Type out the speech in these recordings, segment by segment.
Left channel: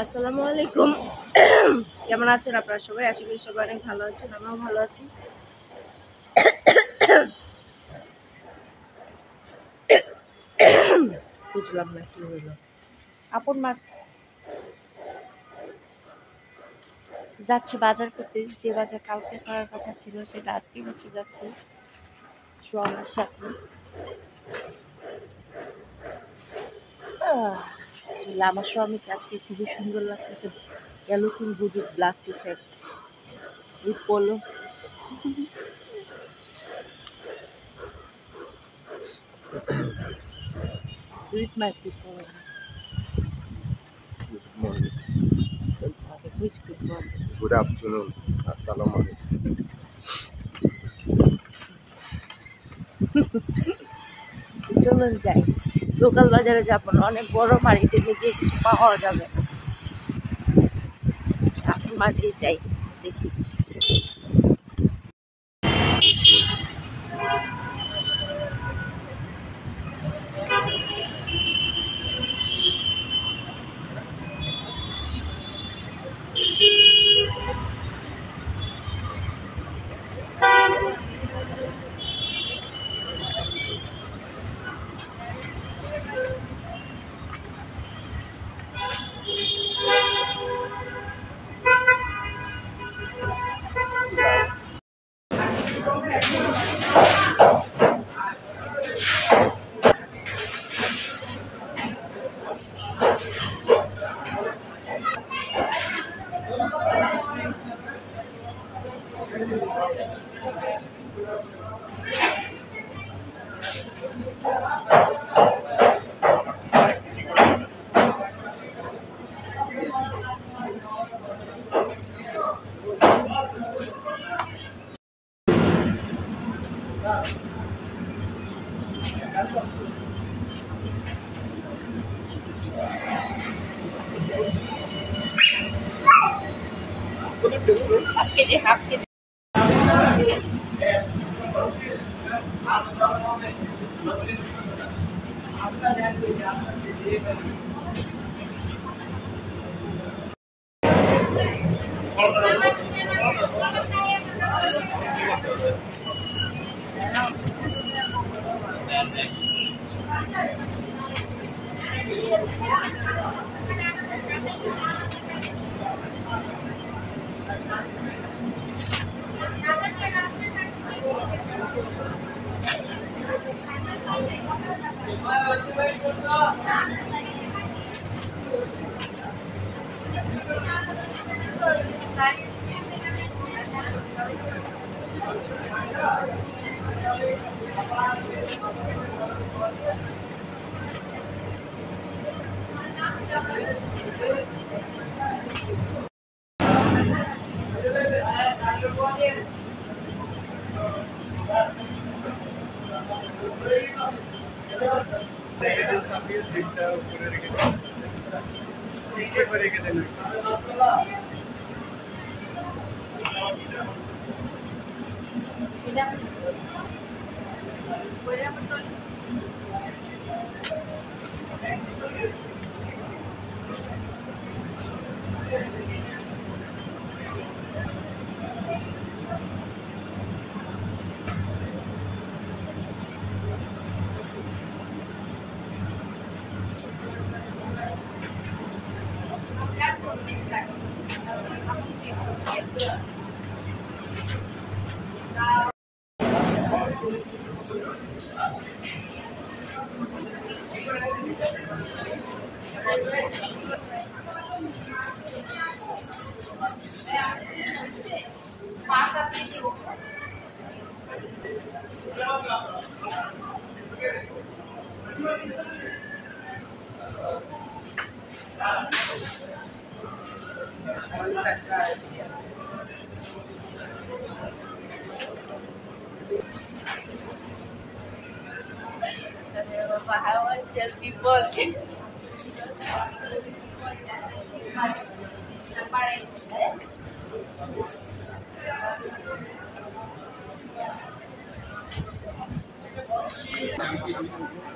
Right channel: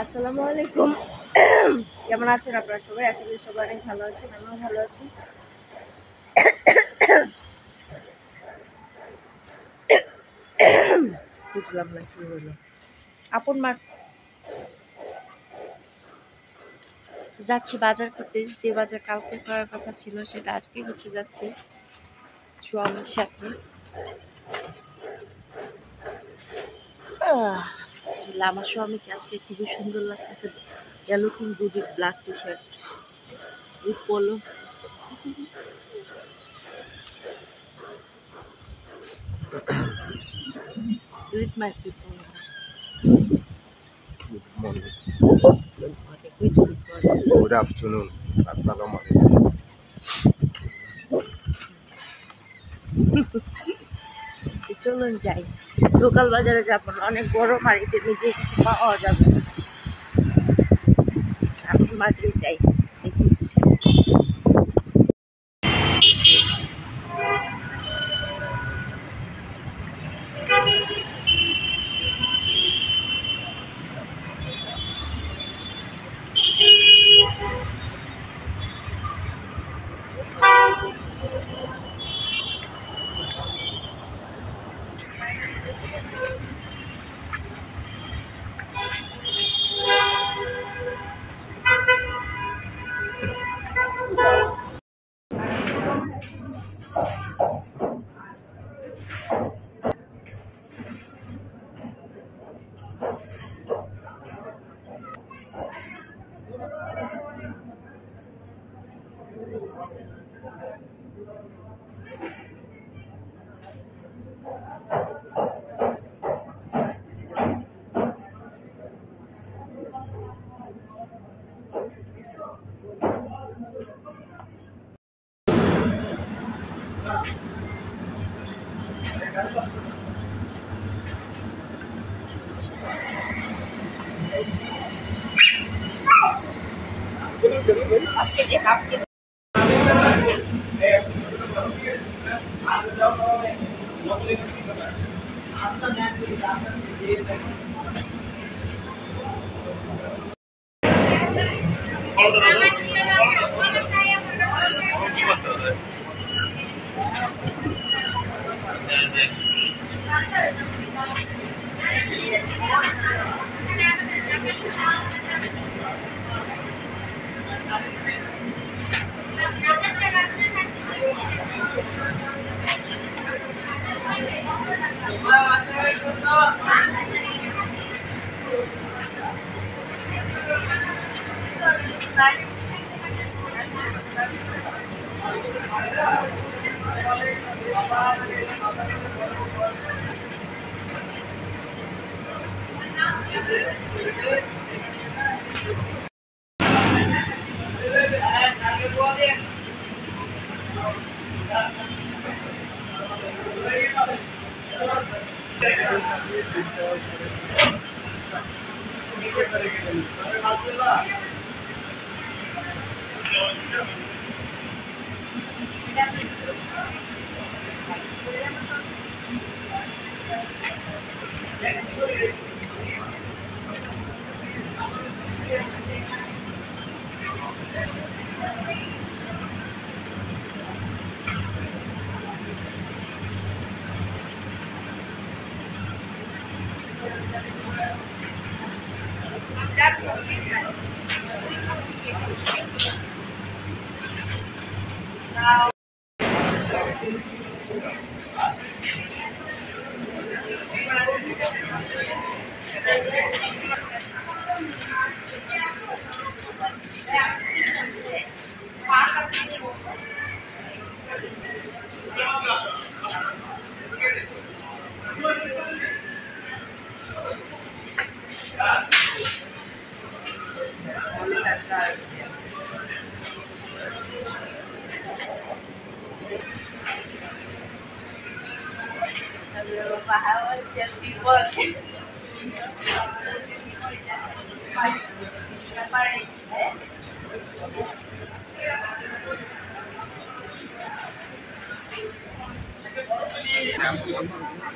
আসসালামু আলাইকুম। কেমন আছেন আপনারা সবাই? আশা করি সবাই অনেক ভালো আছেন, আমিও ভালো আছি। বুঝলাম না কি হলো। আপন মা যাচ্ছি বাজার করতে, যে বাজার কালকে করার কথা ছিল সেটা আজকে করতে যাচ্ছি স্বামীর সাথে। বিসমিল্লাহ। আমার স্বামীকে আজকে খুবই সুন্দর লাগতেছে। Looking good with black T shirt with polo. With my people. Good morning. Good morning. Which good morning? Good afternoon. Assalamu alaikum. চলুন যাই, লোকাল বাজারে যাবো না, অনেক বড় মার্কেটে গিয়ে কিছু পাওয়া যাবে না। এখন মার্কেটে যাই, দেখি। Half KG half KG.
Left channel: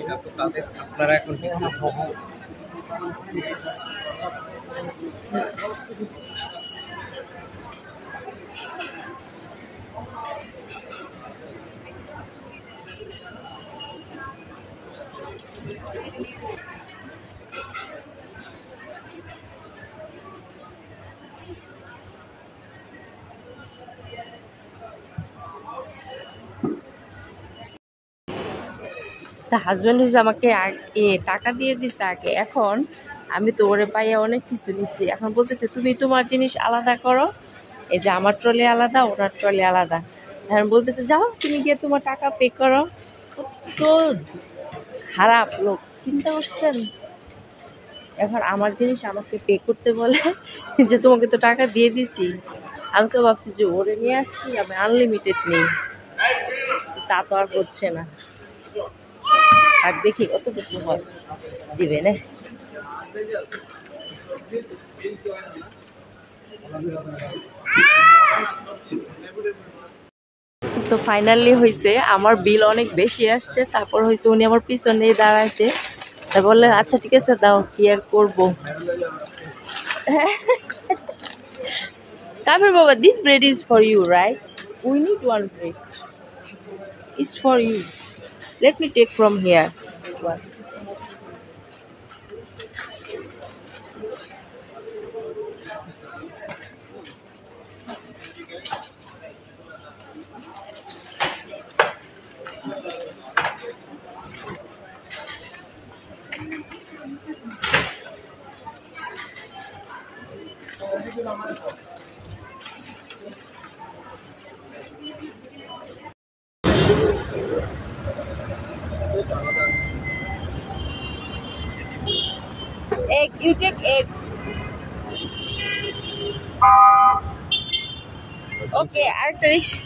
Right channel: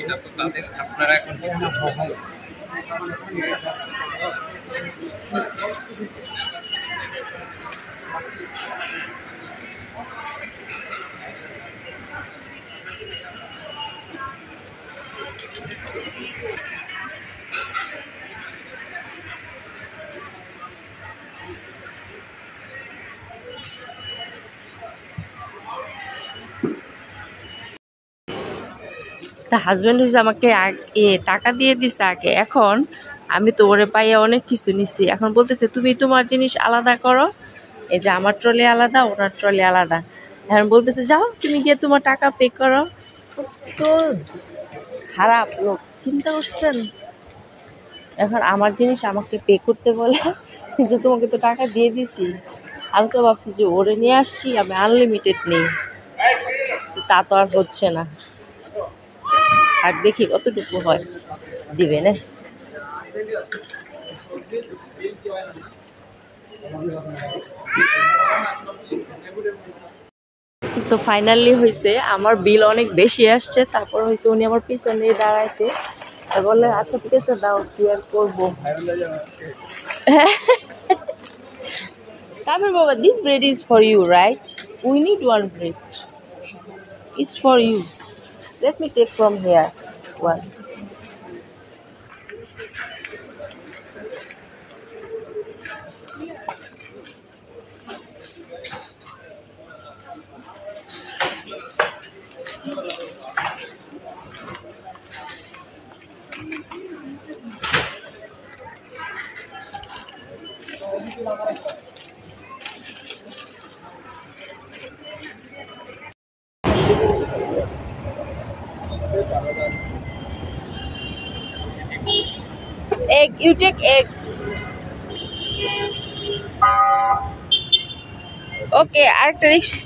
এটা তো তাদের আপনারা এখন তা হাজবেন্ড হয়েছে আমাকে টাকা দিয়ে দিছে আগে, এখন আমি তো ওরে পাইয়া অনেক কিছু নিছি, এখন বলতেছে তুমি তোমার জিনিস আলাদা করো, এই যে আমার ট্রলি আলাদা ওনার ট্রলি আলাদা। এখন বলতেছে যাও তুমি গিয়ে তোমার টাকা পে করো। তো খারাপ লোক, চিন্তা করছেন? এখন আমার জিনিস আমাকে পে করতে বলে যে তোমাকে তো টাকা দিয়ে দিছি। আমি তো ভাবছি যে ওরে নিয়ে আসছি, আমি আনলিমিটেড নেই, তা তো আর হচ্ছে না। আর দেখি কতটুকু হয়, দিবে না। তো ফাইনালি হয়েছে, আমার বিল অনেক বেশি আসছে, তারপর হয়েছে উনি আমার পিছনে দাঁড়াইছে, বললেন আচ্ছা ঠিক আছে দাও, কি আর করবো। তারপর বাবা, this bread is for you right, we need one bread, is for you, let me take from here one. Egg, you take egg. Okay, আরেকটা রিক্সা।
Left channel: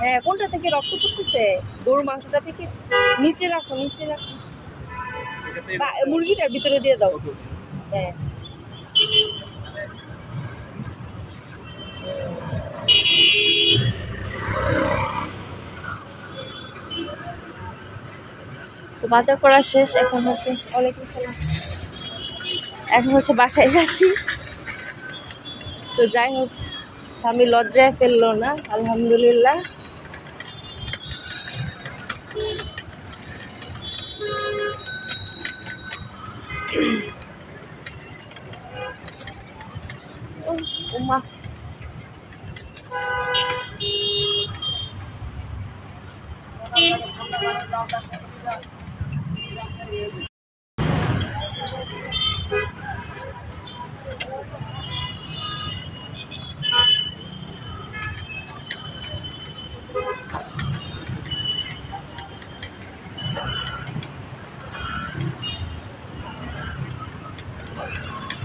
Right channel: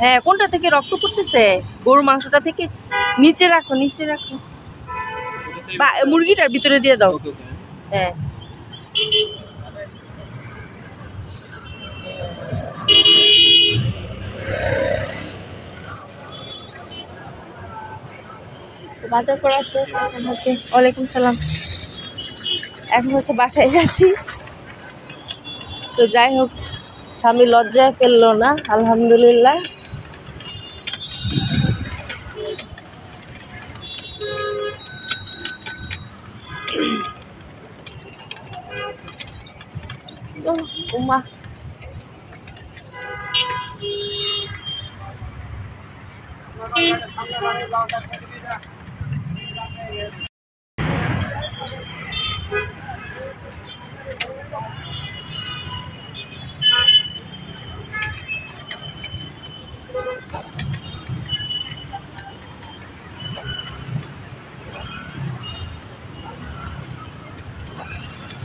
হ্যাঁ, কোনটা থেকে রক্ত পড়তেছে? গরু মাংসটা থেকে নিচে রাখো, নিচে রাখো, বা মুরগিটার ভিতরে দিয়ে দাও। হ্যাঁ, তো বাজার করা শেষ, এখন হচ্ছে ওয়ালাইকুম সালাম, এখন হচ্ছে বাসায় যাচ্ছি। তো যাই হোক, স্বামী লজ্জায় ফেললো না, আলহামদুলিল্লাহ। তো উমা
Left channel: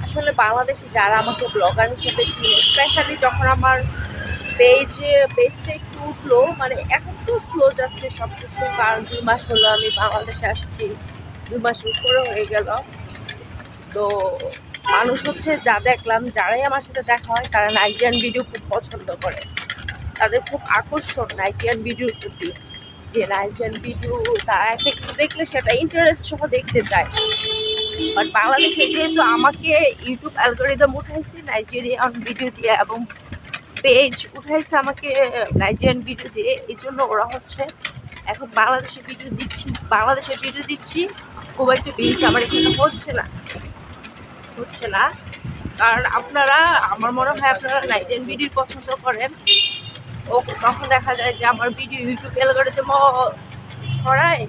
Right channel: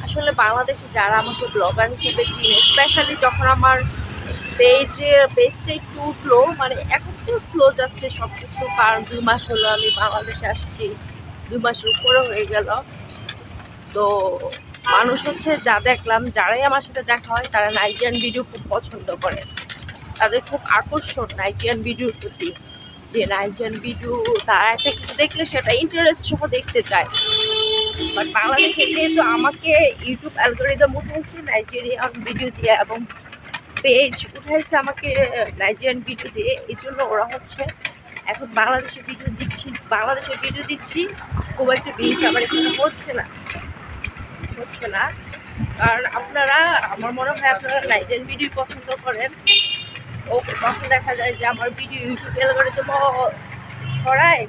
আসলে বাংলাদেশে যারা আমাকে ব্লগার হিসেবে চিনে, স্পেশালি যখন আমার পেজটা একটু উঠলো, মানে এখন তো স্লো যাচ্ছে সবকিছু, কারণ 2 মাস হলো আমি বাংলাদেশে আসছি, 2 মাসের উপরে হয়ে গেল। তো মানুষ হচ্ছে যা দেখলাম, যারাই আমার সাথে দেখা হয় তারা নাইজেরিয়ান ভিডিও খুব পছন্দ করে, তাদের খুব আকর্ষণ নাইজেরিয়ান ভিডিওর প্রতি, যে নাইজেরিয়ান ভিডিও তারা একটা কিছু দেখলে সেটা ইন্টারেস্ট সহ দেখতে চায়। বাট বাংলাদেশে যেহেতু আমাকে ইউটিউব অ্যালগরিদম উঠাইছে নাইজেরিয়ান ভিডিও দিয়ে, এবং পেজ উঠাইছে আমাকে নাইজেরিয়ান ভিডিও দিয়ে, এই জন্য ওরা হচ্ছে এখন বাংলাদেশের ভিডিও দিচ্ছি খুব একটা ভিউজ আমার এখানে হচ্ছে না। কারণ আপনারা, আমার মনে হয় আপনারা নাইজেরিয়ান ভিডিও পছন্দ করেন, ওকে তখন দেখা যায় যে আমার ভিডিও ইউটিউব অ্যালগরিদমও ছড়ায়,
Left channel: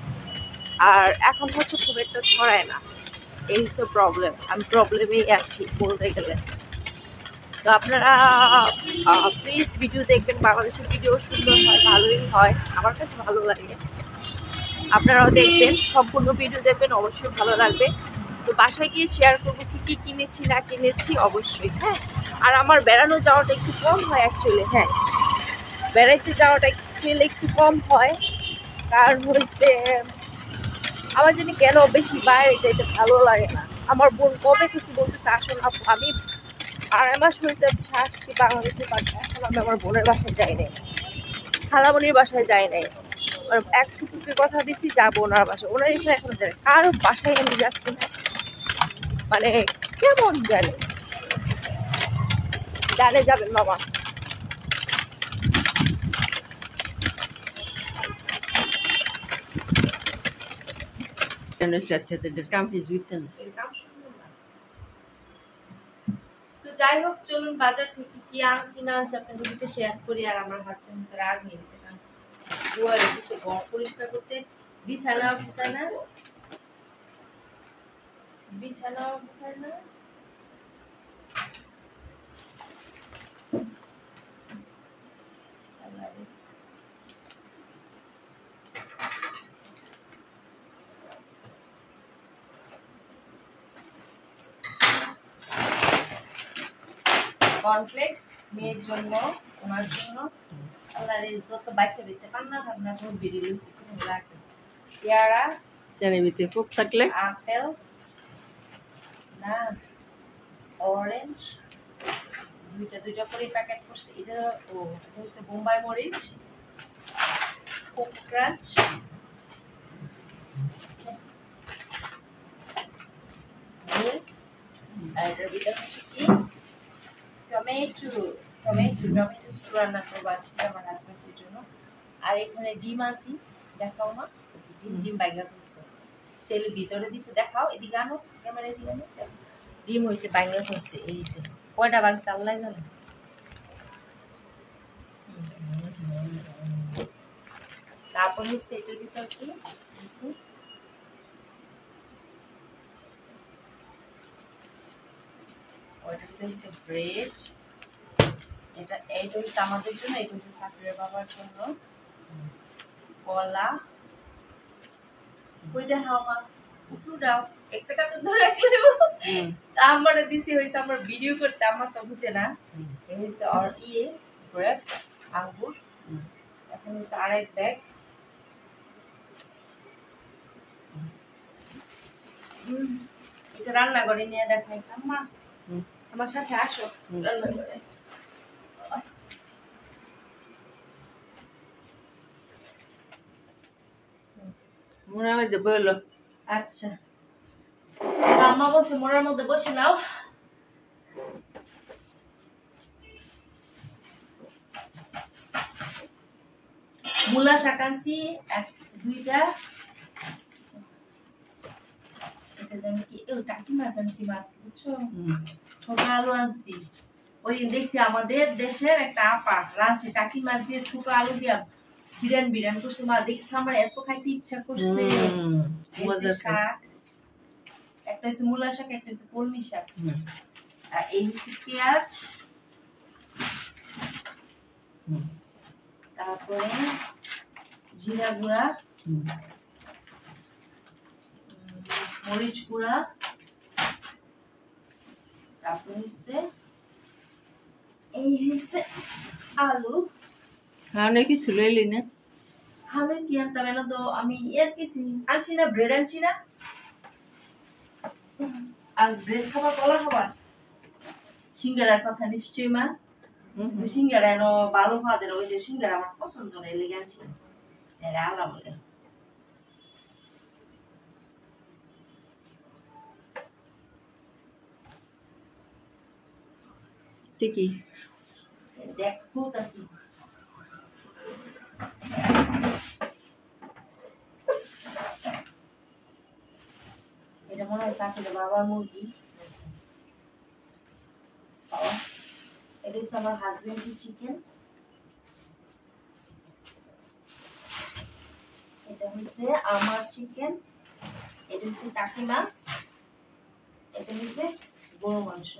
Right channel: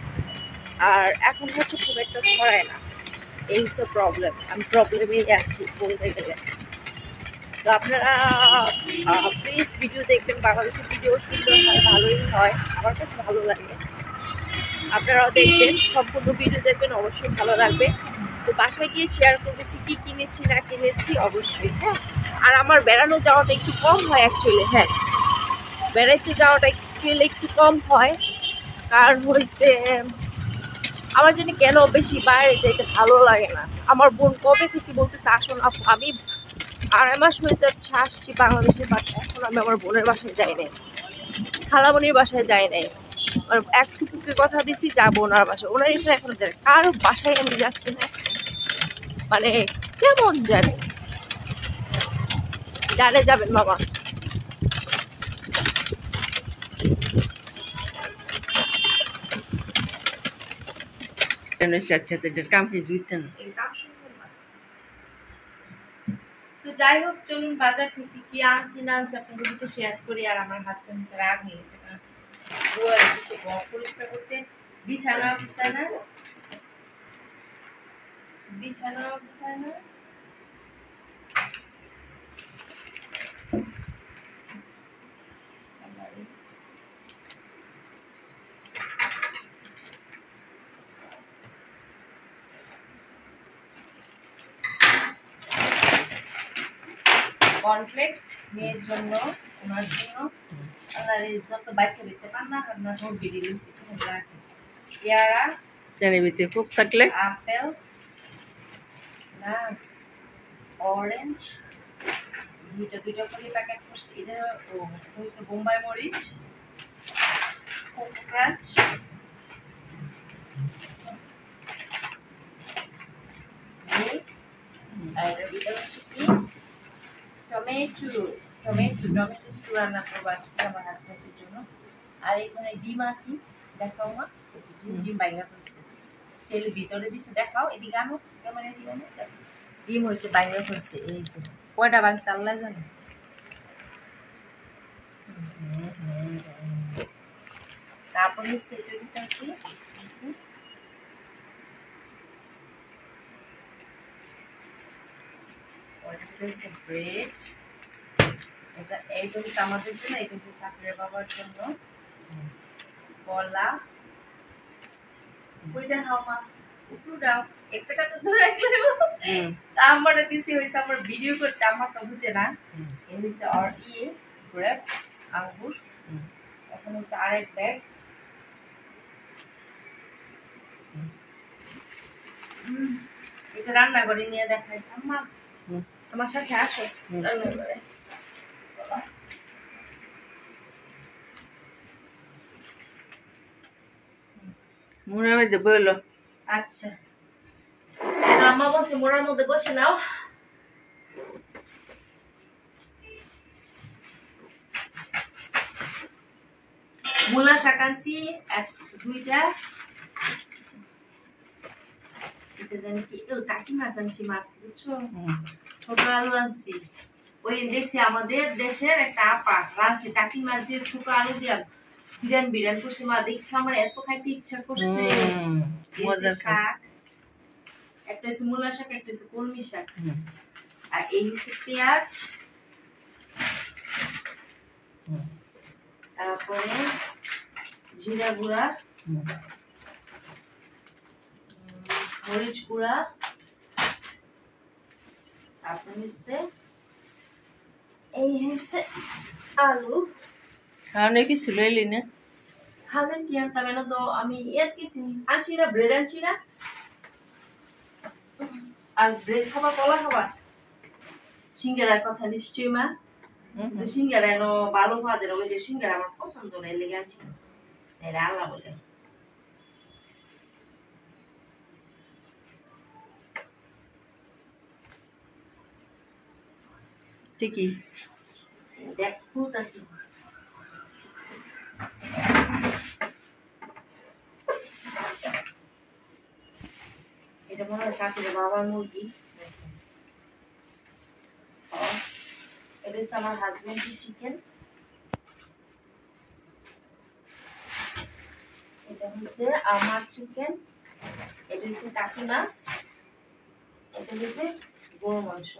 আর এখন হচ্ছে খুব একটা ছড়ায় না, এই হচ্ছে প্রবলেম। আমি প্রবলেমেই আছি বলতে গেলে। তো আপনারা প্লিজ ভিডিও দেখবেন, বাংলাদেশের ভিডিও সুন্দর হয়, ভালোই হয়, আমার কাছে ভালো লাগে। আপনারাও দেখবেন, সম্পূর্ণ ভিডিও দেখবেন, অবশ্যই ভালো লাগবে। তো বাসায় গিয়ে শেয়ার করবো কী কিনেছি না কিনেছি অবশ্যই। হ্যাঁ, আর আমার বেড়ানো যাওয়াটা একটু কম হয় অ্যাকচুয়ালি। হ্যাঁ, বেড়াইতে যাওয়াটা অ্যাকচুয়ালি একটু কম হয়, কারণ হচ্ছে আমার জন্য কেন বেশি বাইরে যাইতে ভালো লাগে না। আমার বোন কবে থেকে বলতেছে আসুন আপু, আমি 2.5 মাস হয়ে যাচ্ছে আসছি বাংলাদেশের বাসায়, এখন আমি আমার বোনের বাসায় যাই নাই, খালামণির বাসায় যাই নাই। আর এক ফুপুকে কথা দিছি যাবো ওনার বাসায়, ওনার এখানে এখনো জানে কারো বাসায় আমি যাচ্ছি না, মানে কেমন জানে জানে যাবেন মামা। তো যাই হোক চলুন বাজার থেকে কি আনছি না আনছি আপনাদের সাথে শেয়ার করি। আর আমার হাজবেন্ড রাগ হয়ে গেছে কারণ বুয়া রেখেছে ঘর পরিষ্কার করতে, বিছানা গুছায় না, বিছানা গুছায় না। কর্নফ্লেক্স মেয়ের জন্য, ওনার জন্য, আল্লাহ যত বাচ্চা বেঁচে পান্না খান্না সব বেরিয়ে লইছে রাখে। পেয়ারা জানি বেঁচে খুব থাকলে, আপেল না অরেঞ্জ দুইটা করে প্যাকেট করছে। এটা হচ্ছে বোম্বাই মরিচ, কোকো ক্রাঞ্চ, মিল্ক, আর এটার ভিতরে হচ্ছে কি টমেটো স্টু রান্না করবো আজকে আমার হাজবেন্ডের জন্য। আর এখানে ডিম আছে, দেখাও মা, ডিম বাইঙ্গা ফেলছে, ছেলে ভিতরে দিছে, দেখাও এদিকে আনো, ক্যামেরা দিকে আনো, ডিম হয়েছে বাইঙ্গা ফেলছে। এই যে কয়টা বাংছে আল্লাহ জানে। তারপর হচ্ছে এটার ভিতর কি ব্রেড, এইটা হচ্ছে আমাদের জন্য, এটা হচ্ছে সাকিরের বাবার জন্য। কলা কইটা হাওয়া উপরু দাও এক জায়গা তো ধরে রাখলে আমরা দিছি হইছে আমার ভিডিও করতে, আমার তো বুঝে না। এই হইছে আর গ্রেপস আঙ্গুর। এখন হচ্ছে আরেক ব্যাগ, এটা রান্না করে নিয়ে দেখাই। আম্মা আমার সাথে আসো রান্না করে। মোড়ার মধ্যে বললো আচ্ছা, আম্মা বলছে মোড়ার মধ্যে বসে নাও। মূলা শাক আনছি দুইটা, এটা জানি কি টাকি মাছ আনছি, মাছ বুঝছো, ছোট আলু আনছি। ওই দিন দেখছি আমাদের দেশের একটা আপা রাঁধছে টাকি মাছ দিয়ে ছোট আলু দিয়ে বিরান করছে, মা দেখি আমার এত খাইতে ইচ্ছা করছে। শাক একটা হচ্ছে মূলা শাক, একটা হচ্ছে কলমি শাক, আর এই হচ্ছে পেঁয়াজ, তারপরে জিরা গুঁড়া, মরিচ গুঁড়া, তারপর হচ্ছে এই হচ্ছে আলু। খাওয়ানো কিছু লইলি না? খাওয়ানো কি আনতাম না তো, আমি এর কিছু আনছি না, ব্রেড আনছি না। আর ব্রেড খাবার, কলা খাবার, সিঙ্গারার কথা নিশ্চয়ই মা, সিঙ্গারা এনো ভালো খাওয়া, ওই যে সিঙ্গারা আমার পছন্দ না, লেগে আনছি আল্লাহ বলে। ঠিকই দেখ খুলতাছি। এটা মনে হয় সাকিরের বাবার মুরগি। এটা হচ্ছে আমার হাজবেন্ডের চিকেন, এটা হচ্ছে আমার চিকেন, এটা হচ্ছে টাকি মাছ, এটা হচ্ছে গরু মাংস।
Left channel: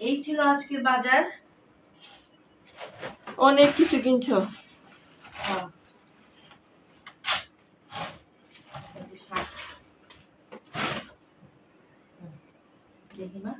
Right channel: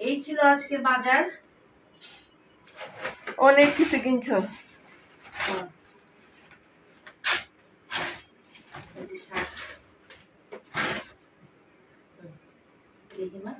এই ছিল আজকের বাজার, অনেক কিছু কিনছো। দেখি মা